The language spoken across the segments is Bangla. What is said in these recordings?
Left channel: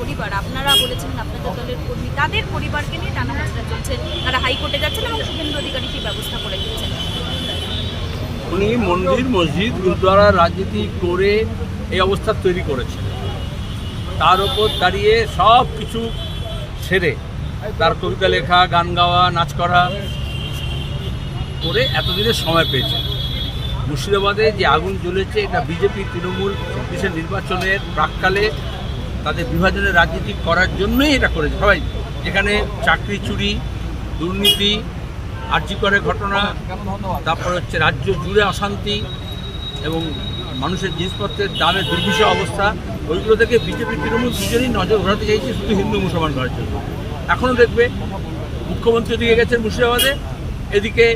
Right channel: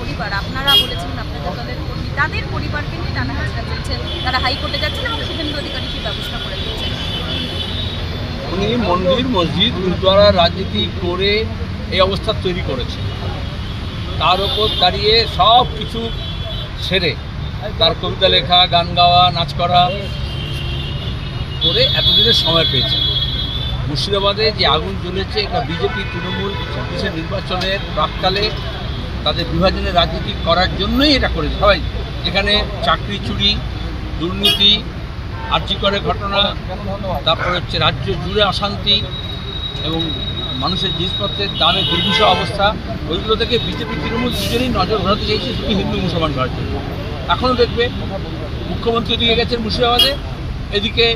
পরিবার, আপনারা বলেছিলেন আপনাদের দলের কর্মী, তাদের পরিবারকে নিয়ে টানা হাজরা তারা হাইকোর্টে যাচ্ছেন এবং শুভেন্দু অধিকারী সেই ব্যবস্থা করে দিচ্ছেন? উনি মন্দির, মসজিদ, গুরুদ্বারা রাজনীতি করে এই অবস্থা তৈরি করেছে তার ওপর দাঁড়িয়ে সব কিছু সেরে তার কবিতা লেখা, গান গাওয়া, নাচ করা করে এতদিনের সময় পেয়েছে মুর্শিদাবাদে যে আগুন জ্বলেছে, এটা বিজেপি, তৃণমূল নির্বাচনের প্রাককালে তাদের বিভাজনের রাজনীতি করার জন্যই এটা করেছে। সবাই যেখানে চাকরি চুরি, দুর্নীতি, আর্যিকরের ঘটনা, তারপরে হচ্ছে রাজ্য জুড়ে অশান্তি এবং মানুষের জিনিসপত্রের দামে দুর্বিষহ অবস্থা, ওইগুলো থেকে বিজেপি, তৃণমূল দুজনেই নজর ঘোরাতে চাইছে শুধু হিন্দু মুসলমান ঘরের জন্য। এখনও দেখবে মুখ্যমন্ত্রী দিকে গেছেন মুর্শিদাবাদে, এদিকে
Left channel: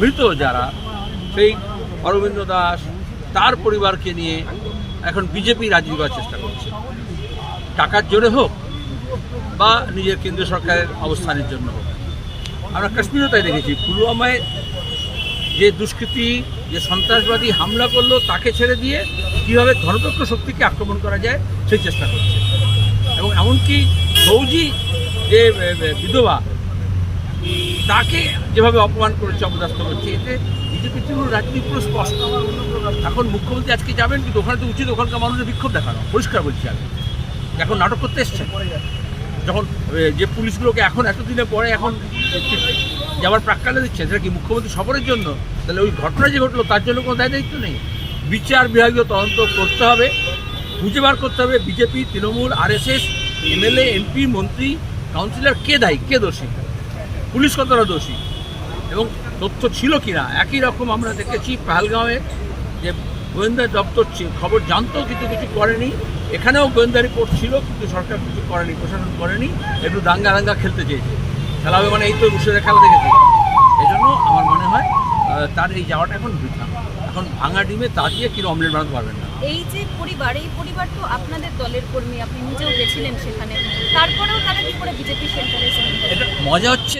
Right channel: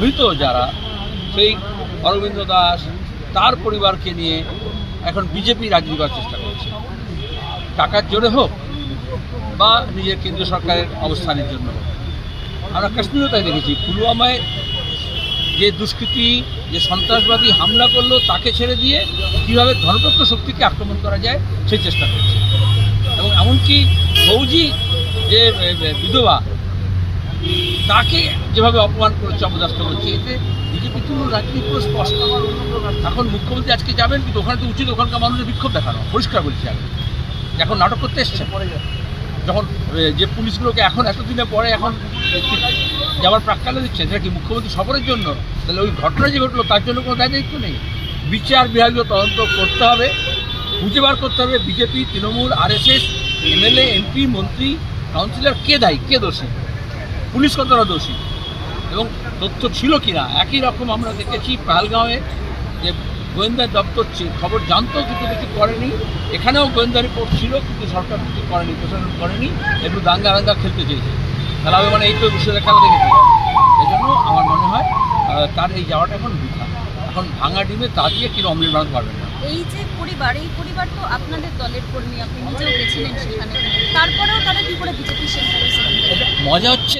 মৃত যারা, সেই অরবিন্দ দাস, তার পরিবারকে নিয়ে এখন বিজেপি রাজনীতি করার চেষ্টা করছে। টাকার জোরে হোক বা নিজের কেন্দ্রীয় সরকারের অবস্থানের জন্য হোক। আমরা কাশ্মীরেও তাই দেখেছি। পুলওয়ামায় যে দুষ্কৃতী, যে সন্ত্রাসবাদী হামলা করল, তাকে ছেড়ে দিয়ে কীভাবে ধর্মপক্ষ শক্তিকে আক্রমণ করা যায়, সেই চেষ্টা করছে। এবং এমনকি ফৌজি যে বিধবা তাকে যেভাবে অপমান করেছে অপদাস্ত করছে, এতে বিজেপি তৃণমূল রাজনীতি পুরো স্পষ্ট। এখন মুখ্যমন্ত্রী আজকে যাবেন, কিন্তু ওখানে তো উচিত, ওখানকার মানুষের বিক্ষোভ দেখানো। পরিষ্কার বলছি আমি। এখন নাটক করতে এসছেন? যখন যে পুলিশগুলোকে এখন এতদিনে পরে এখন যাওয়ার প্রাক্কালে দিচ্ছে সেটা কি মুখ্যমন্ত্রী সফরের জন্য? তাহলে ওই ঘটনা যে ঘটলো, তার জন্য কোনো দায় দায়িত্ব নেই। বিচার বিভাগীয় তদন্ত করতে হবে, খুঁজে বার করতে হবে BJP, Trinamool, RSS, MLA, MP, মন্ত্রী, কাউন্সিলর, কে দায়ী, কে দোষী? পুলিশ কতটা দোষী? এবং তথ্য ছিল কিনা? একই রকম আমরা দেখেছি পাহালগাঁওয়ে যে গোয়েন্দা দপ্তর খবর জানতো কিন্তু কিছু করেনি। এখানেও গোয়েন্দা রিপোর্ট ছিল কিন্তু সরকার কিছু করেনি প্রশাসন করেনি একটু দাঙ্গা দাঙ্গা খেলতে চেয়েছে। খেলা হবে মানে এই তো রুশের খেলা দেখেছি। এই জন্য আমার মনে হয় তার এই যাওয়াটা এখন বৃথা। এখন ভাঙা ডিমে তা দিয়ে কিন্তু অমলেট বানাতে পারবেন না। এই যে পরিবার এই পরিবার তো আপনাদের দলের কর্মী আপনি নিজেও গেছিলেন সেখানে। তারপরেও তারা কি করে সেন্টারে এটা মজা হচ্ছে